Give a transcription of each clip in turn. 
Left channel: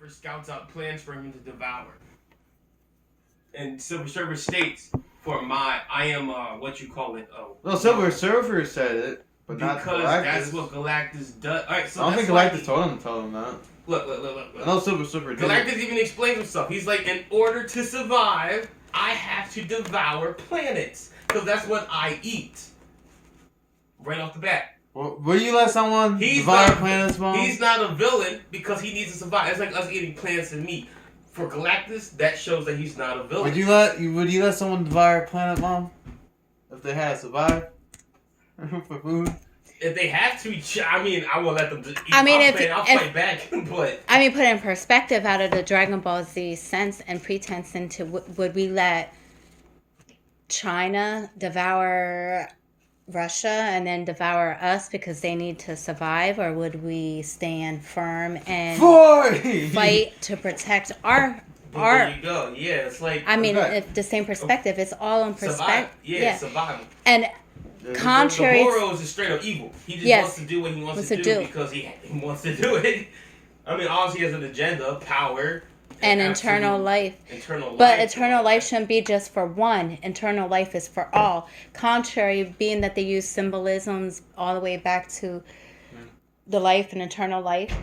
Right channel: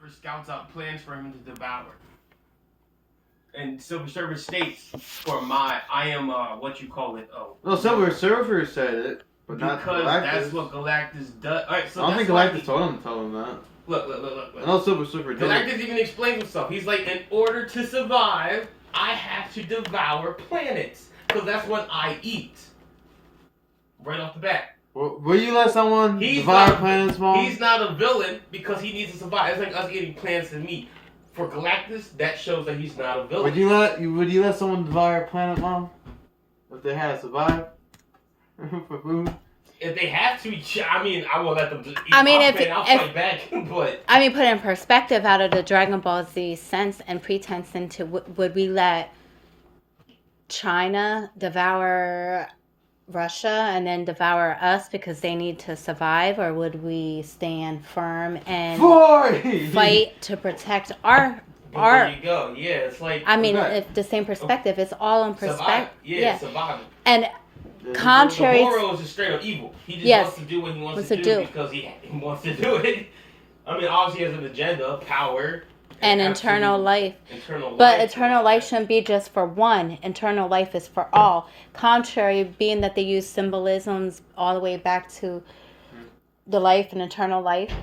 Surfer scouts out plans for him to devour. And Silver Surfer states, I am, what you call it, Well, Silver Surfer said it, but not because Galactus. that's what Galactus does. Alright, so I don't that's think why Galactus told him that. Look. I know Silver Surfer did. Galactus even explains himself. He's like, in order to survive, I have to devour planets. Because that's what I eat. Right off the bat. Will you let someone devour planets, Mom? He's not a villain because he needs to survive. It's like us eating plants and meat. For Galactus, that shows that he's not a villain. Would you let someone devour a planet, Mom? If they had to survive for food? If they have to, I mean, I won't let them eat. I'll fight back, but I mean, put in perspective, out of the Dragon Ball Z sense and pretense into, would we let China devour Russia and then devour us because they need to survive, or would we stand firm and fight to protect our? There you go. Yeah, it's like. I mean, if the same perspective, it's all in perspective. Survival. And contrary, the Moro is just straight up evil. He just wants to do what he wants to do because he wants to do it. I mean, obviously, he has an agenda, power. And eternal life. But eternal life shouldn't be just for one. Eternal life is for all. Contrary, being that they use symbolisms all the way back to the life and eternal life.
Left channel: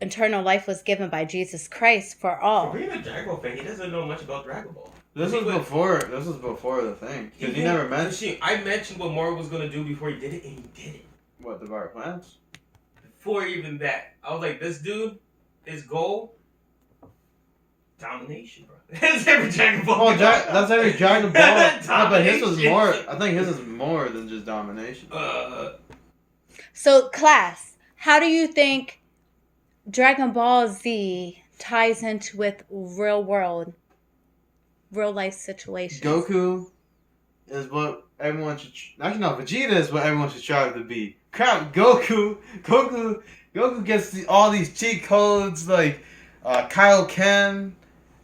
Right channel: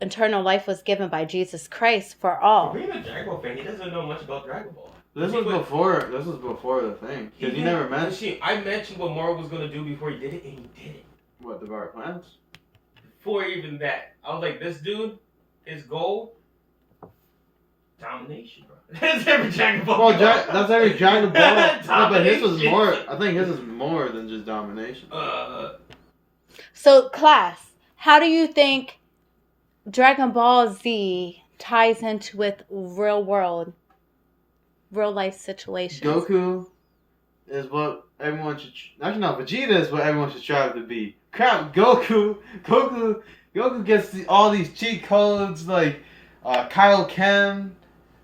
Eternal life was given by Jesus Christ for all. For being a Dragon Ball fan, he doesn't know much about Dragon Ball. This was before the thing. Because he never mentioned. I mentioned what Moro was gonna do before he did it, and he did it. What, devour planets? Before even that, I was like, this dude, his goal. Domination, bro. That's every Dragon Ball. That's every Dragon Ball. No, but his was more. I think his is more than just domination. So, class, how do you think Dragon Ball Z ties into with real life situations? Goku is what everyone should. Actually, no, Vegeta is what everyone should strive to be. Crap, Goku gets all these cheat codes like Kaioken.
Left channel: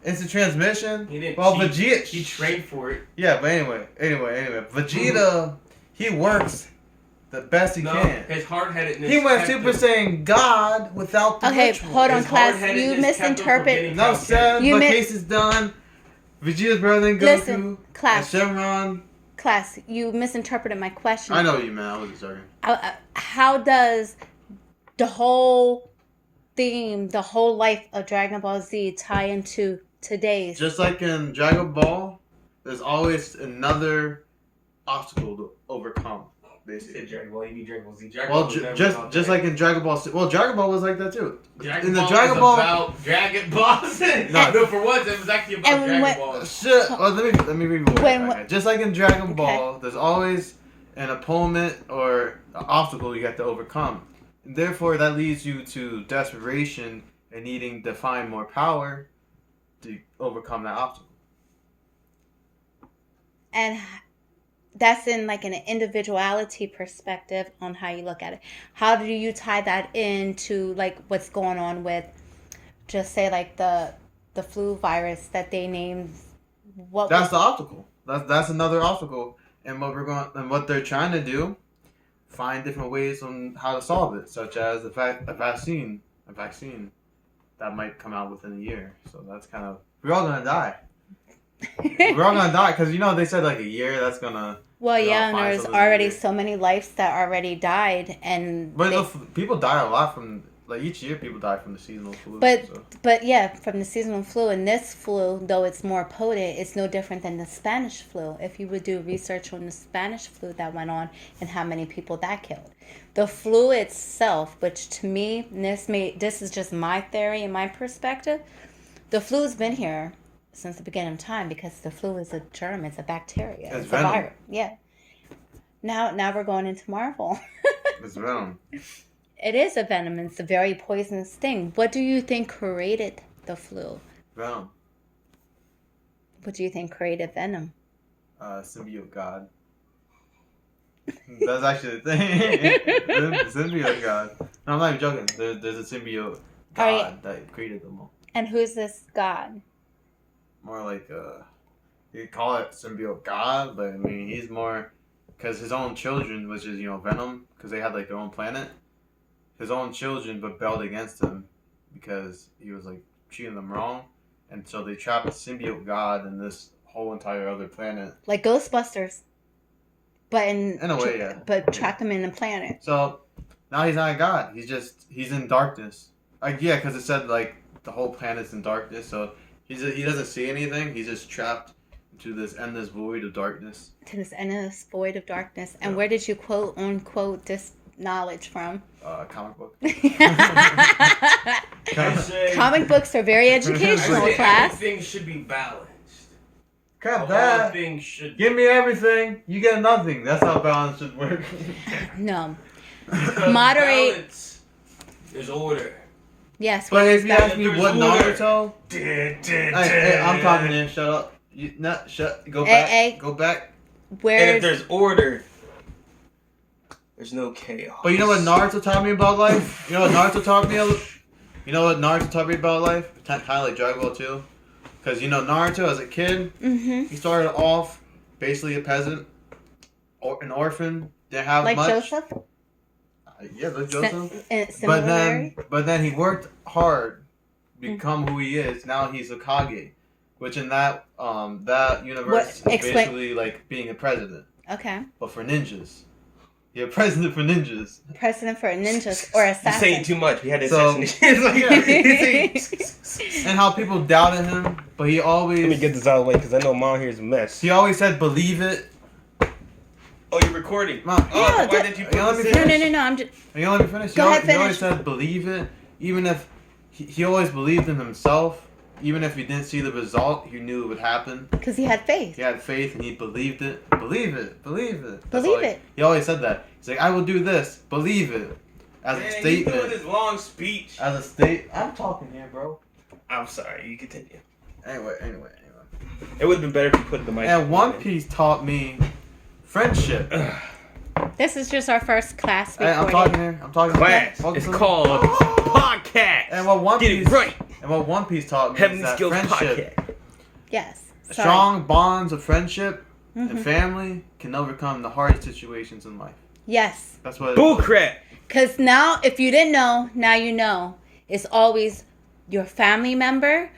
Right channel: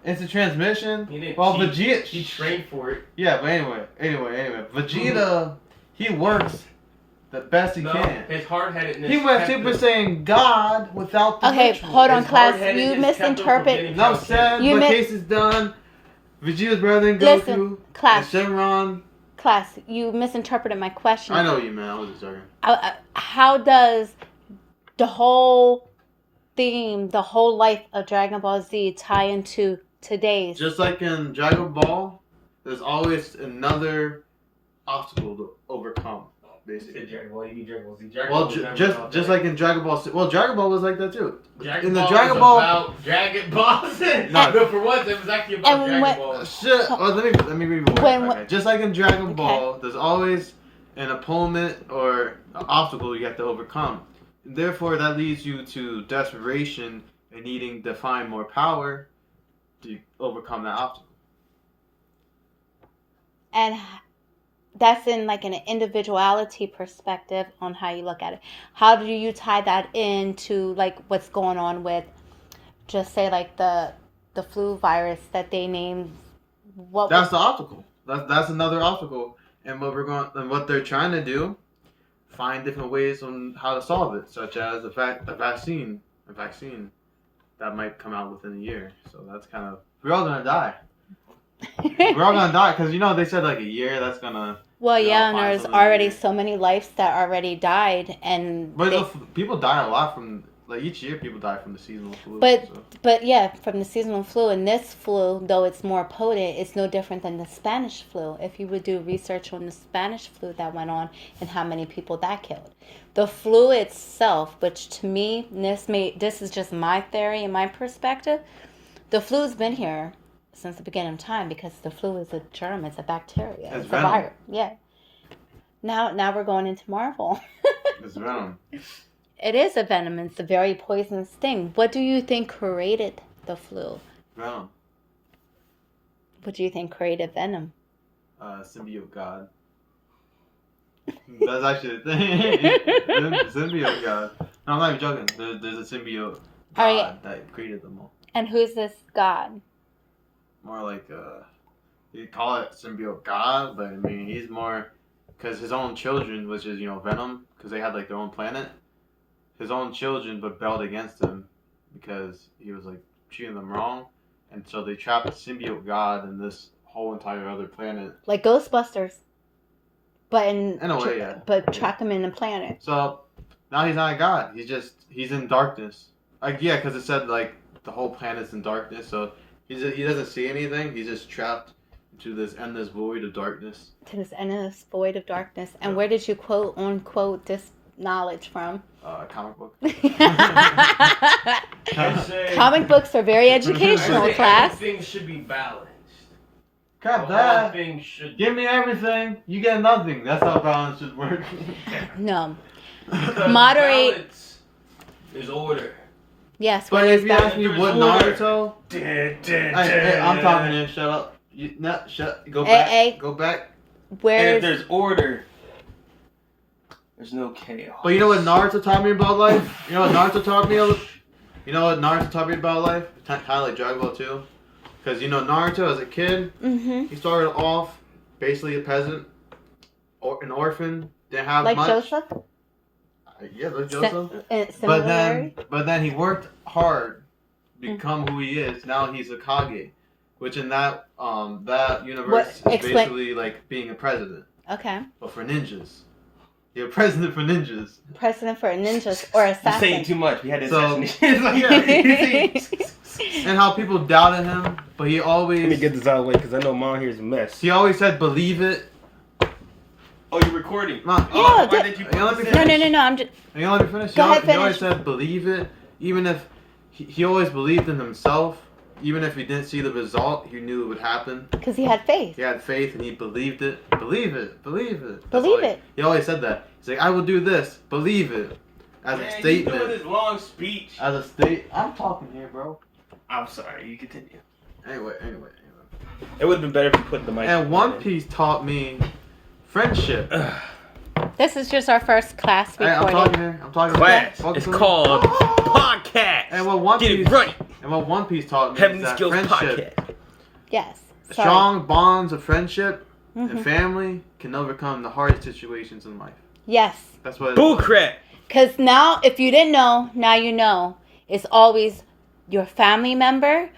Instant transmission. Vegeta, he trained for it. Yeah, but anyway, Vegeta, he works the best he can. His hard-headedness. He went Super Saiyan God without the ritual. Hold on, class. You misinterpret. Enough said. My case is done. Vegeta's brother than Goku. Listen, class. And Shenron. Class, you misinterpreted my question. I know what you meant. I wasn't joking. How does the whole theme, the whole life of Dragon Ball Z tie into today's? Just like in Dragon Ball, there's always another obstacle to overcome. Basically, Dragon Ball, you mean Dragon Ball Z? Just like in Dragon Ball. Well, Dragon Ball was like that too. Dragon Ball about Dragon Balls. No, for once it was actually about Dragon Ball. Shit. Well, let me read more. Just like in Dragon Ball, there's always an opponent or an obstacle you have to overcome. And therefore, that leads you to desperation and needing to find more power to overcome that obstacle. And that's in like an individuality perspective on how you look at it. How do you tie that into like what's going on with, just say like the flu virus that they named? That's the obstacle. That's another obstacle, and what they're trying to do, find different ways on how to solve it, such as a vaccine that might come out within a year. So that's kind of, we're all gonna die. We're all gonna die because they said like a year. That's gonna. Well, yeah, and there's already so many lives that already died, and people die a lot from each year. People die from the seasonal flu. But yeah, from the seasonal flu, and this flu, though it's more potent, it's no different than the Spanish flu. If you would do research on the Spanish flu that went on and how many people that killed, the flu itself, which to me, this is just my theory and my perspective, the flu's been here since the beginning of time because the flu is a germ, it's a bacteria, it's a virus. Yeah. Now we're going into Marvel. It's venom. It is a venom. It's a very poisonous thing. What do you think created the flu? Venom. What do you think created venom? Symbiote God. That's actually the thing. Symbiote God. No, I'm not even joking. There's a symbiote God that created them all. And who's this God? More like you call it symbiote God, but I mean he's more because his own children, which is Venom, because they had like their own planet. His own children rebelled against him, because he was like treating them wrong, and so they trapped the symbiote god in this whole entire other planet. Like Ghostbusters, but In a way, yeah. But trapped him in the planet. So now he's not a god. He's in darkness. Like yeah, because it said like the whole planet's in darkness. So he doesn't see anything. He's just trapped into this endless void of darkness. To this endless void of darkness. And where did you quote unquote this knowledge from? Comic book. Comic books are very I educational, say class. everything should be balanced. Cut All that. things should Give me everything. You get nothing. That's how balance should work. No. because Moderate. balance is order. Yes. But What if is you that? ask me what Naruto, hey, I'm talking here. Shut up. You not shut. Go back. Hey. Go back. And if Where's there's order, there's no chaos. But you know what Naruto taught me about life? You know what Naruto taught me? You know what Naruto taught me about life? Kind of like Dragon Ball 2. Because you know Naruto as a kid, mm-hmm. he started off basically a peasant, or an orphan. Didn't have Like much. Joseph? Yeah, like Joseph. Similarly? But then he worked hard, to become who he is. Now he's a Kage, which in that universe is Explain- basically like being a president, Okay. but for ninjas. You're a president for ninjas. President for ninjas or You're assassin. saying too much. We had to So- And how people doubted him, but he always Let me get this out of the way because I know Mom here's a mess. he always said believe it. Oh, you're recording. Mom, Yeah, why d- did you you let me put No, this no, in? no, no. I'm just. and you let me finish. Go ahead, He always finish. said believe it, even if he always believed in himself. Even if he didn't see the result, he knew it would happen. Because he had faith. He had faith and he believed it. Believe it. Believe it. Believe all it. He always said that. He's like, I will do this. Believe it. As a Man, he's doing statement. his long speech. As a state. I'm talking here, bro. I'm sorry. You continue. Anyway. It would have been better if you put the mic. And One Piece taught me friendship. This is just our first class Hey, I'm recording. talking here. I'm talking Class. Welcome It's to- called podcast. And what One Get Piece it right. And what One Piece taught me Heavenly is that Skills friendship, podcast. Yes. Sorry. strong bonds of friendship Mhm. and family can overcome the hardest situations in life. Yes. That's what. Bullcrap. Because now, if you didn't know, now you know. It's always your family member,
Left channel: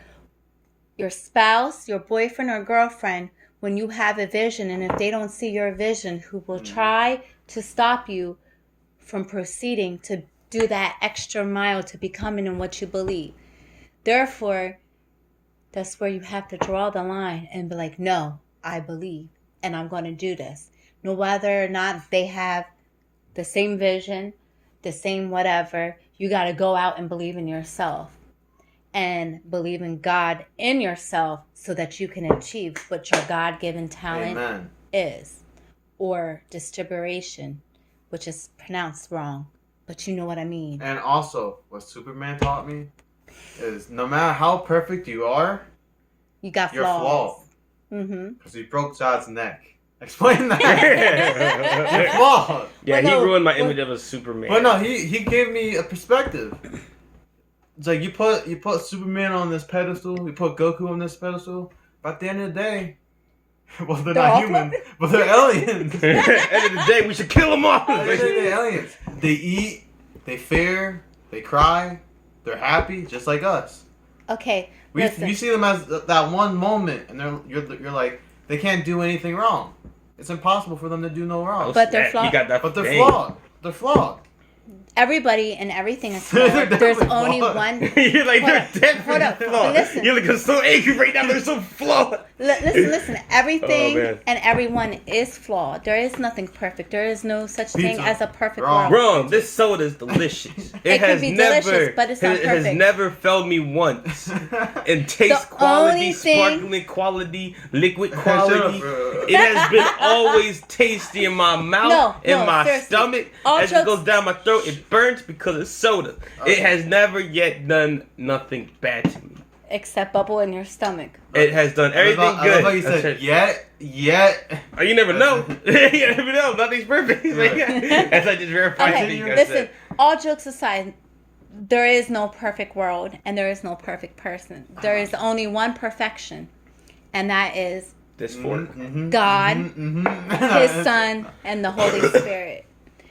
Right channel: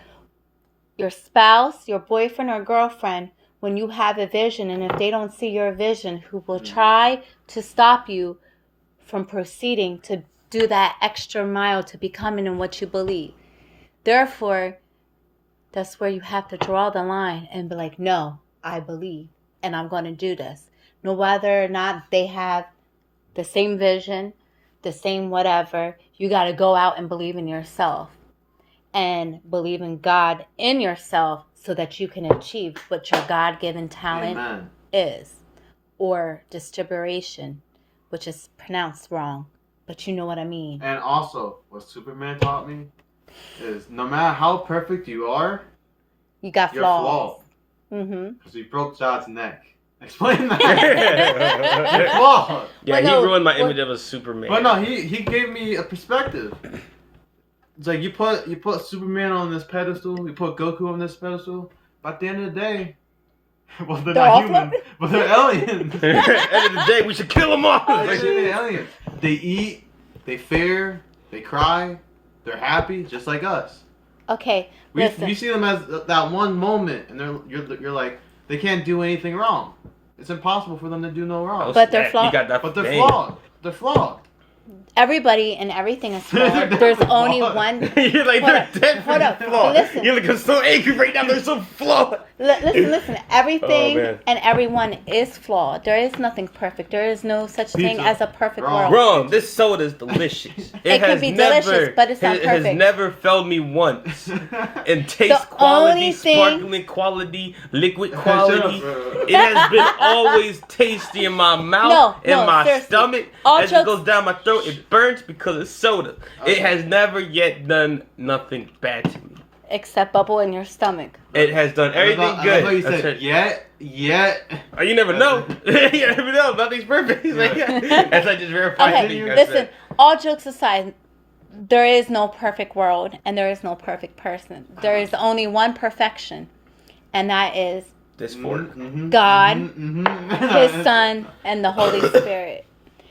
your spouse, your boyfriend or girlfriend, when you have a vision, and if they don't see your vision, who will try to stop you from proceeding to do that extra mile to becoming in what you believe. Therefore, that's where you have to draw the line and be like, no, I believe, and I'm going to do this. No whether or not they have the same vision, the same whatever, you got to go out and believe in yourself and believe in God in yourself so that you can achieve what your God-given talent Amen. is, or distribution, which is pronounced wrong, but you know what I mean. And also, what Superman taught me is no matter how perfect you are, You got you're flaws. flawed. Mm-hmm. Because he broke Chad's neck. Explain that. Yeah, You're flawed. he no, ruined my but- image of a Superman. But no, he gave me a perspective. It's like you put Superman on this pedestal, you put Goku on this pedestal. But at the end of the day, well, they're They're not all human, but they're aliens. At the end of the day, we should kill them all. They're aliens. They eat, they fear, they cry, they're happy, just like us. Okay, We listen. see them as that one moment, and you're like, they can't do anything wrong. It's impossable for them to do no wrong. But they're flawed. You got that. But they're dang. flawed. They're flawed. Everybody and everything is flawed. There's only Flawed. one. You're like, Hold they're up, dead hold up, flawed. listen. You're like, I'm so angry right now. They're so flawed. Listen. Everything Oh, man. and everyone is flawed. There is nothing perfect. There is no such thing Pizza. as a perfect Wrong. world. Wrong. This soda is delicious. It has could be never, delicious, but it's not it has perfect. never failed me once. In taste The quality, only thing- sparkling quality, liquid quality. Shut up, bro. It has been always tasty in my mouth, in No, my seriously. stomach. All As it jokes- goes down my throat, it burns because it's soda. It has never yet done nothing bad to me. Except bubble in your stomach. It has done everything I love good. how you That's said, it. yet. Oh, you never know. You never know. Nothing's perfect. As I just verified Okay, to you guys. listen. All jokes aside, there is no perfect world and there is no perfect person. There is only one perfection, and that is This fork. God, His His Son, and the Holy Spirit.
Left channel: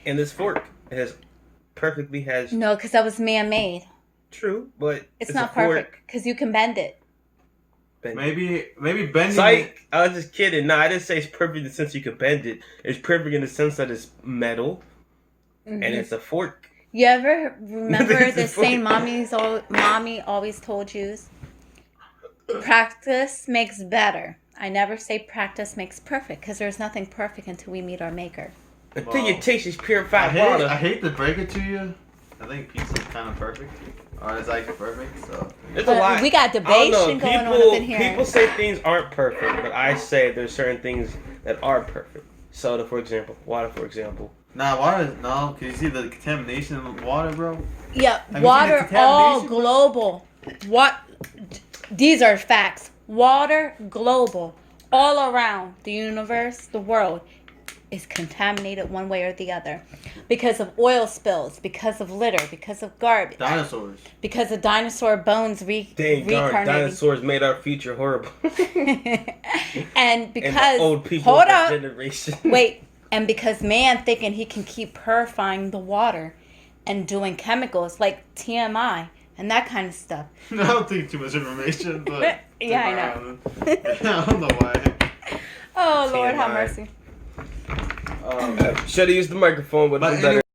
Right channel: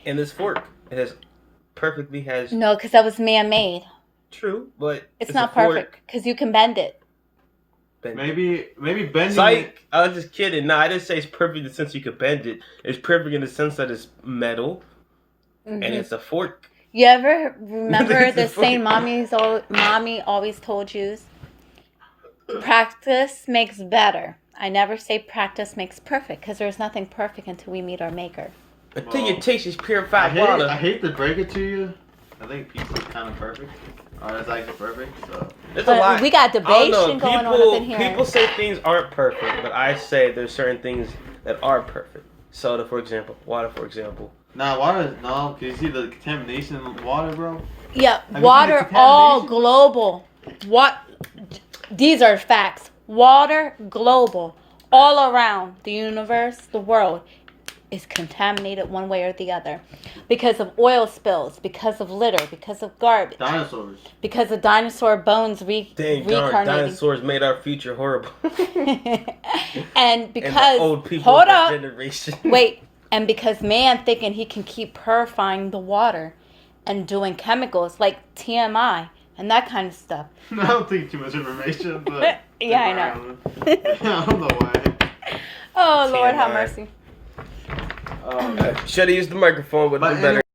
And this fork, it has perfectly has. No, because that was man-made. True, but It's a not fork. perfect because you can bend it. Bend it. Maybe bending it. Psych! I was just kidding. No, I didn't say it's perfect in the sense you could bend it. It's perfect in the sense that it's metal and it's a fork. You ever remember It's the a saying fork. mommy always told you? Practice makes better. I never say practice makes perfect because there's nothing perfect until we meet our maker. Until Well, your taste is I purified hate, water. I hate to break it to you. I think pizza is kind of perfect. Or it's actually perfect. So There's a But lot. we got I don't know. debation going on up in here. People say things aren't perfect, but I say there's certain things that are perfect. Soda, for example. Water, for example. nah, water. No, can you see the contamination in water, bro? Yeah, seen the water all contamination? global. What? These are facts. Water global, all around the universe, the world is contaminated one way or the other because of oil spills, because of litter, because of garbage, Dinosaurs. because of dinosaur bones Dang darn, reincarnating. dinosaurs made our future horrible. And because and the old people hold of that up, generation. wait, and because man thinking he can keep purifying the water and doing chemicals like TMI and that kind of stuff. I don't think too much information, but Yeah, I know. I don't know why. Oh Lord, have TMI. mercy. Should have used the microphone, but But it's better.